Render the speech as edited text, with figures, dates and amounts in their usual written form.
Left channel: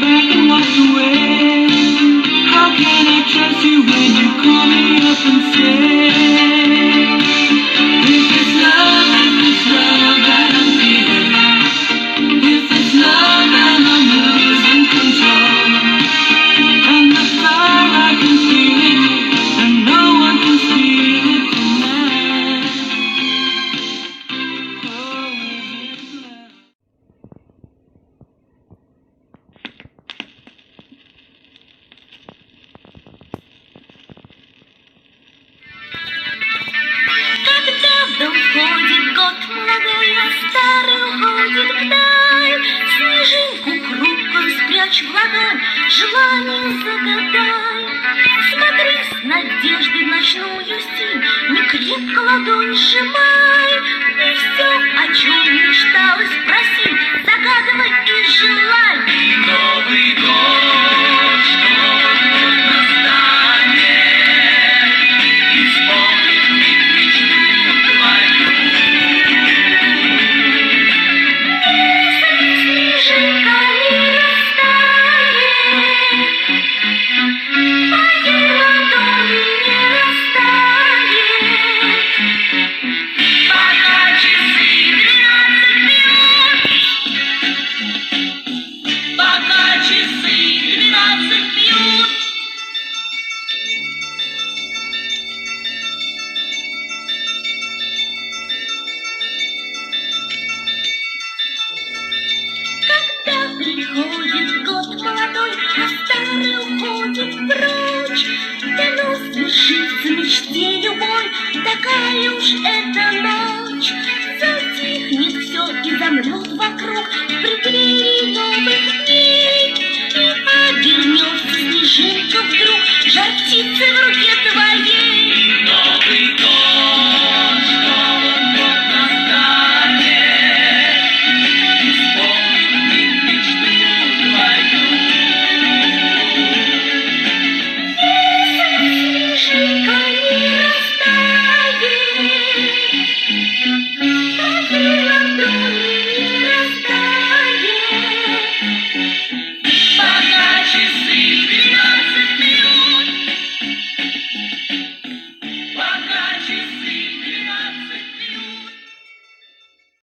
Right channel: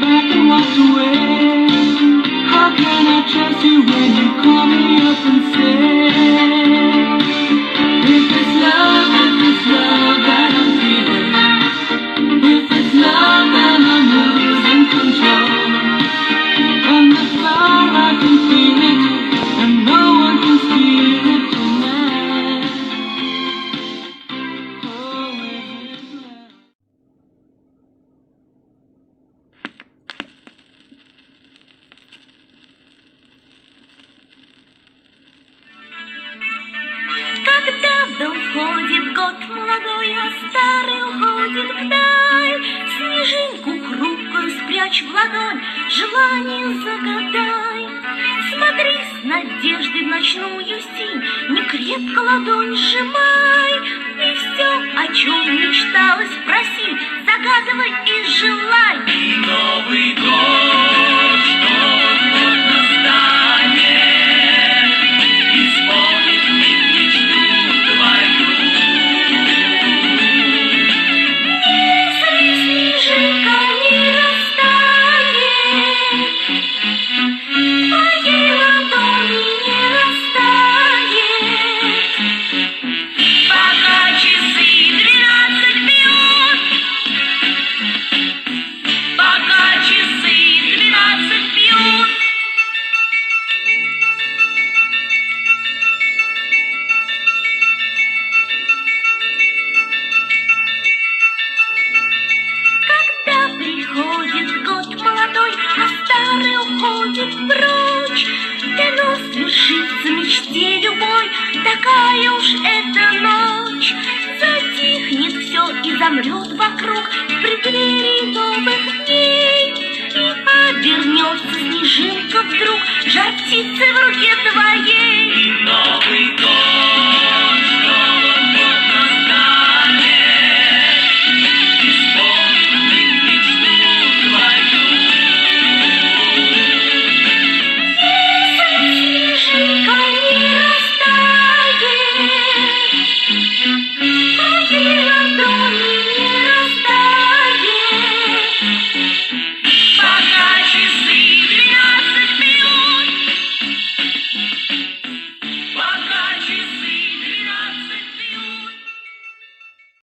back and walked away. How can I trust you when you call me up and say, if it's love that I'm feeling, if it's love then I'm losing control. And the fire I can feel it, and no one can feel it tonight. Oh, is it love? Когда вдруг ходит год молодой, а старый уходит вдаль, снежинку хрупкую спрячь в ладонь, желание загадай. Смотри с надеждой в ночную синь, не крепко ладонь сжимай, и все, о чем мечталось, проси, загадывай и желай. И Новый год, что вновь настанет, исполнит мечту твою. Если снежинка не растает, твоей ладони не растает, пока часы 12 бьют, пока часы 12 бьют. Когда приходит год молодой, а старый уходит прочь, дано свершится мечте любой, такая уж эта ночь. Затихнет все и замрет вокруг в преддверии новых дней, и обернется снежинка вдруг, жар птицы в руке твоей.